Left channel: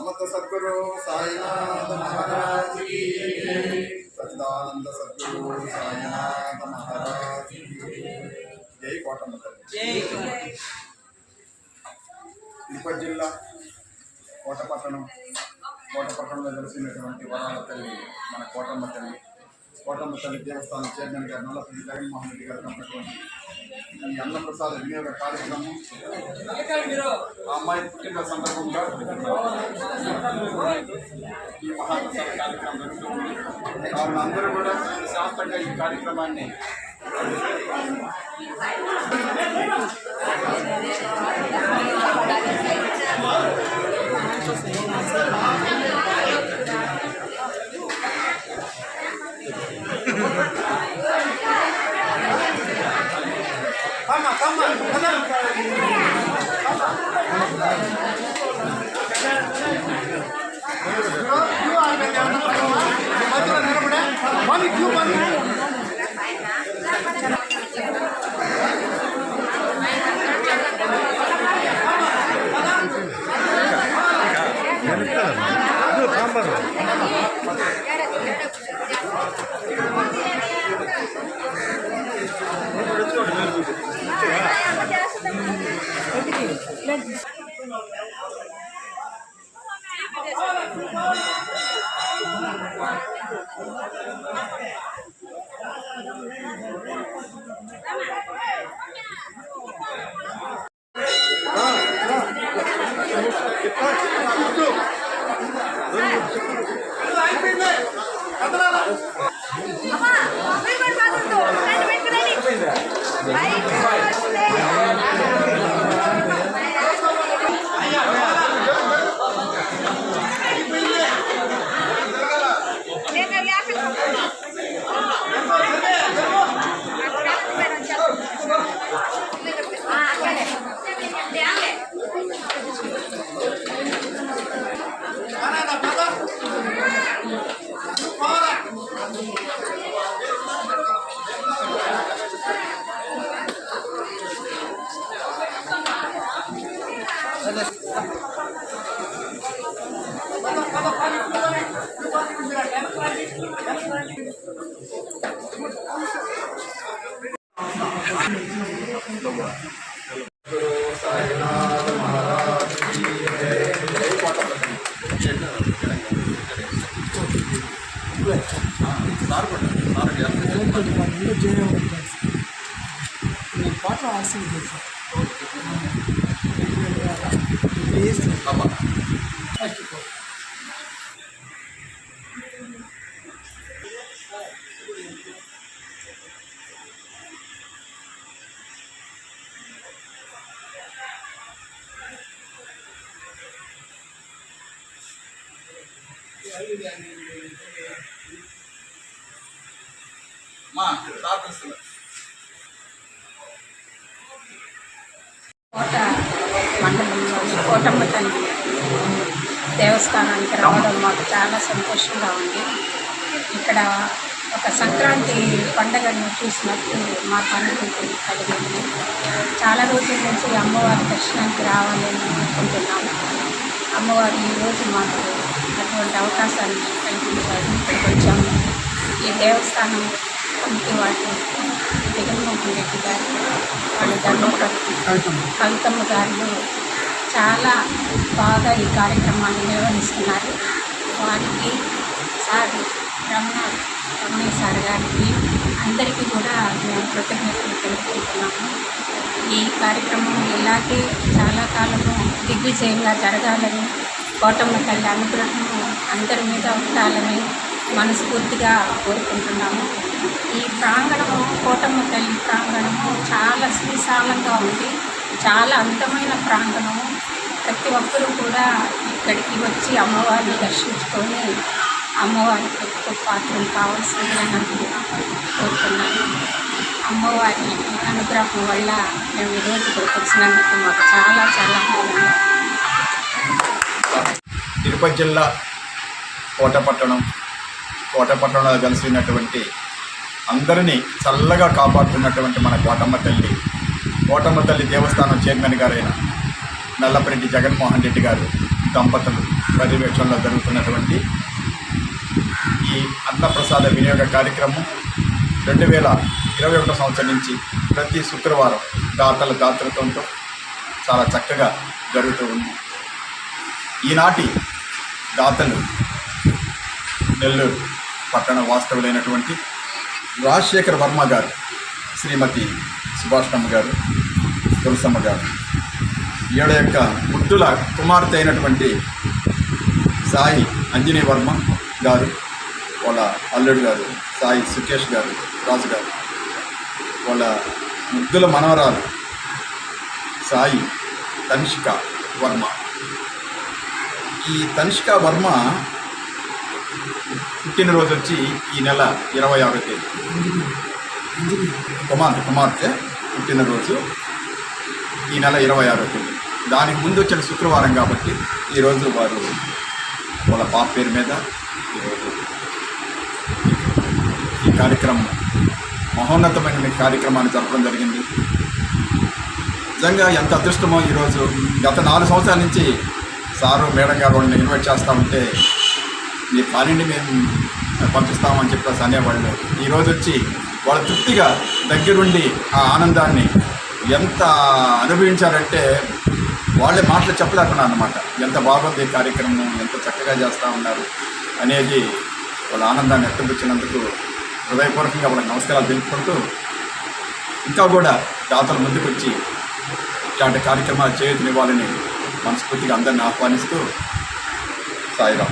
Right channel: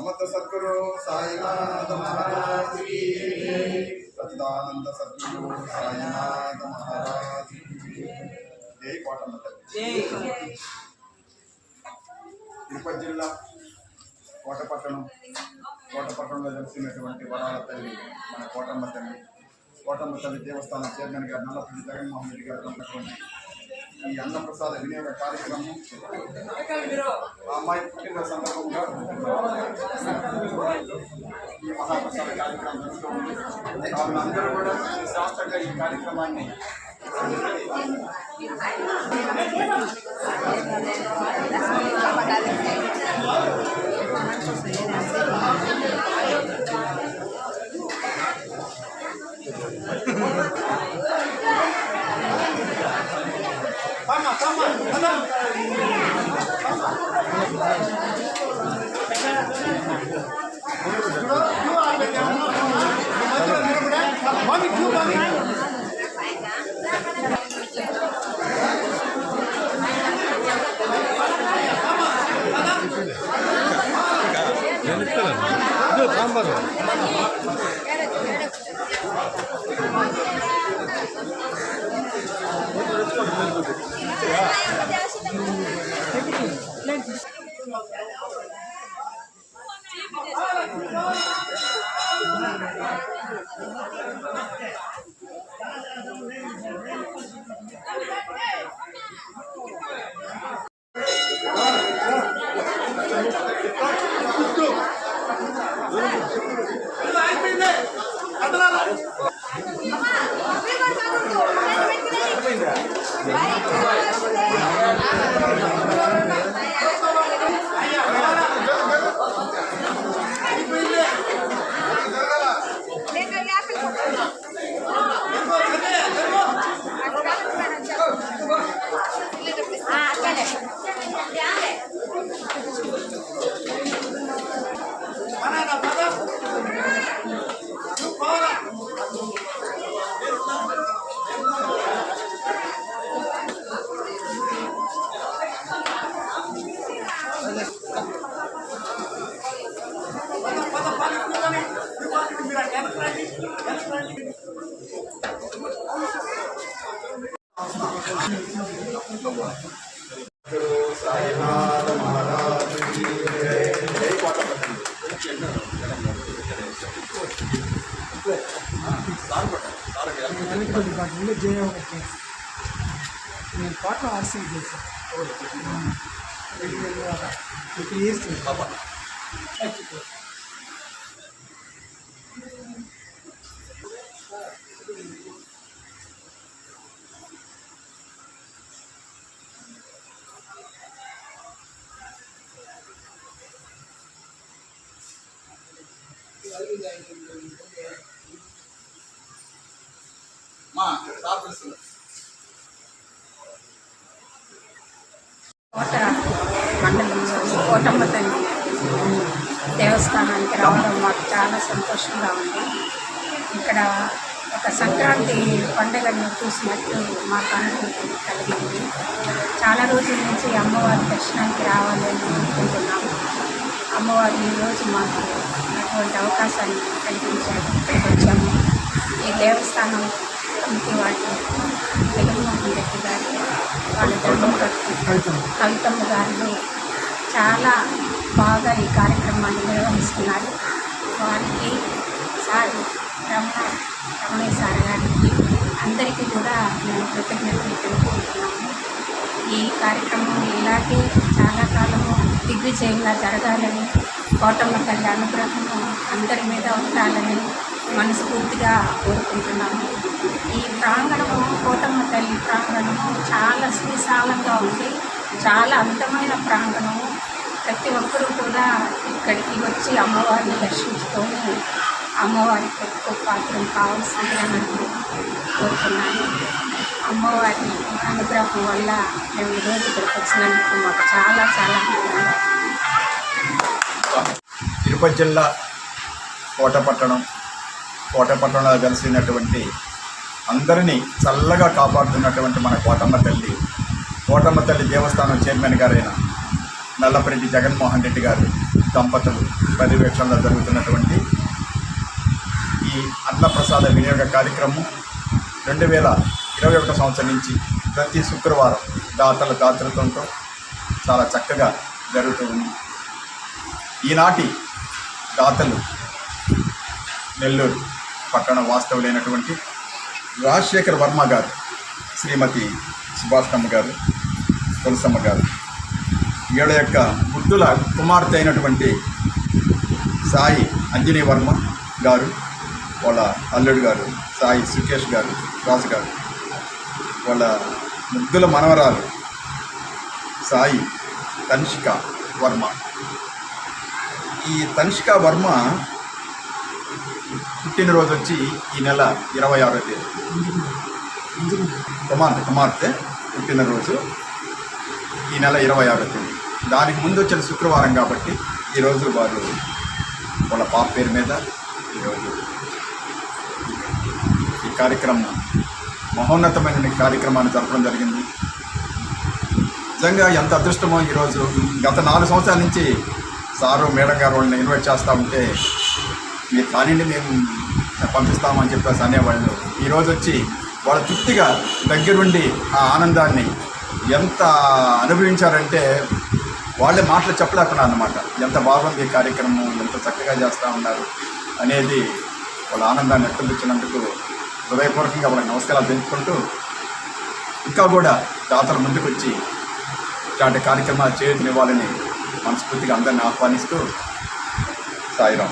समर्थ सद्गुरु साईनाथ महाराज की सच्चिदानंद सद्गुरु साईनाथ महाराज की जय कोटम्మ तल्ली తిరుపతి జిల్లా కోటపట్టణంలో వెలిసినటువంటి వరాల తల్లి మన కోటమ్మ తల్లి దేవస్థానం చైర్మన్ గారు నల్లపల్లి జగన్మోహన్ రెడ్డి గారు ఉన్నటువంటి ఈ అన్నప్రసాద వినియోగ కార్యక్రమం ఆ అమ్మాయి పుట్టిన సందర్భంగా ఈ మహాప్రసాద కార్యక్రమం జరుగుతూ ఉంది. కావున అందరూ కూడా శాస్త్రంగా ఈ కార్యక్రమాన్ని నేను పాటలు ఆర్సింగ్ చేశాను. కోట మండలంలోని కోటమ్మ తల్లి దేవస్థానానికి రావడం మాకు చాలా సంతోషంగా ఉంది. ఇక్కడ ఒక సంక్రాంతి పండుగను చూసినట్టు మాకు అనుభూతి కలిగింది. చాలా రోజుల నుంచి అమ్మవారి దర్శనానికి రావాలని అనుకుంటున్నాము. అమ్మవారు ఈరోజు మాకు అటువంటి అవకాశాన్ని కల్పించారు. ఇక్కడికి వచ్చాము. ఈ దేవస్థానం కమిటీ వాళ్ళు జగన్మోహన్ రెడ్డి గారు, వాళ్ళ ధర్మపత్ని కవితమ్మ గారు చాలా బాగా ఈ కార్యక్రమాన్ని నిర్వహిస్తున్నారు. వారికి సార్ రమణయ్య సార్ గారికి అందరికీ కూడా మేము కృతజ్ఞతలు తెలుపుకుంటున్నాము. ఈ కార్యక్రమం ఇలాగే చాలా కాలము దిగ్విజయంగా జరగాలని, కోటమ్మ తల్లి అనుగ్రహము అందరి మీద ఉండాలని మనస్ఫూర్తిగా కోరుకుంటున్నాము. ఈ ప్రాంగణము కోటమ్మ తల్లి ప్రాంగణము చాలా సువిశాలంగా ఉంది. చాలా అందమైన ప్రాంగణము. ప్రతి ఒక్కరూ కూడా ఇక్కడికి వచ్చి అమ్మవారిని దర్శించుకొని అమ్మవారికి ఎక్కువ పాత్రం కావాల్సిందిగా నాకు కోరుతున్నాను. అమ్మవారి అనుగ్రహం వల్ల మేము ఈరోజు ఇక్కడికి వచ్చినందుకు మాకు చాలా చాలా ఆనందంగా. తిరుపతి జిల్లా కోటపట్టణంలో కలిసినటువంటి అందరినీ చల్లగా కాపాడుతున్నటువంటి మన కోటమ్మ తల్లి దేవస్థానం చైర్మన్ గారైన నల్లపరెడ్డి జగన్మోహన్ రెడ్డి గారు దంపతులు పర్యవేక్షణలో జరుగుతున్నటువంటి ఈ అన్నప్రసాద వినియోగ కార్యక్రమం 2021 సంవత్సరం నుంచి ప్రతి శుక్రవారం దాతల దాతృత్వంతో చాలా చక్కగా జరుగుతూ ఉంది. ఈనాటి దాతలు నెల్లూరు పట్టణ వాస్తవులైనటువంటి రాజశేఖర్ వర్మ గారు, శ్రీమతి సుభాషమ్మ గారు, తులసమ్మ గారు, ఈడ యొక్క ముద్దుల కుమార్తె అయినటువంటి సాయి అంజనీ వర్మ గారు, వాళ్ళ అల్లుడు గారు సాయి సుకేష్ గారు, రాజు గారు, వాళ్ళ ముద్దుల మనవరాలు సాయి తనిష్క వర్మ. ఈ తనిష్క వర్మ పుట్టినరోజు వచ్చి ఈ నెల 26వ తేదీ. కుమార్తె పుట్టినరోజు ఈ నెల 26వ తేదీ. దానికి ముందు వచ్చిన శుక్రవారం కాబట్టి ఈరోజు వారు వాళ్ళ పాప పేరు మీద ఈరోజు ఈ కార్యక్రమం మహోన్నతమైన కార్యక్రమాన్ని జరపడం జరిగింది. నిజంగా ఎంత అదృష్టమో. ఈరోజు గత 4 సంవత్సరాల నుంచి సారు మేడం గారు వాళ్ళని ఇన్వైట్ చేస్తూ ఉంటే మీరు కానివ్వండి మేము పంపిస్తామని చెప్పేసి అనేవాళ్ళు. ఈరోజు వచ్చి వాళ్ళ తృప్తిగా దగ్గరుండి ఆ ఆనందాన్ని ఎంత అనుభవించారంటే వాళ్ళే మాటలు చెప్పలేకున్నారు అన్నమాట. ఎంత బాగుంది ఈ కార్యక్రమం, ఎంత చక్కగా చేస్తూ ఉన్నారు అనేది వాళ్ళ ఆనందాన్ని వ్యక్తపరిచినందుకు హృదయపూర్వకంగా వాళ్ళకి నమస్కారాలు తెలుపుకుంటూ ఇంకా కూడా దాతల ముందుకు వచ్చి ఇట్లాంటి కార్యక్రమాలు చేయుతనివ్వాలని మనస్ఫూర్తిగా అందరిని ఆహ్వానిస్తూ సాయిరాం.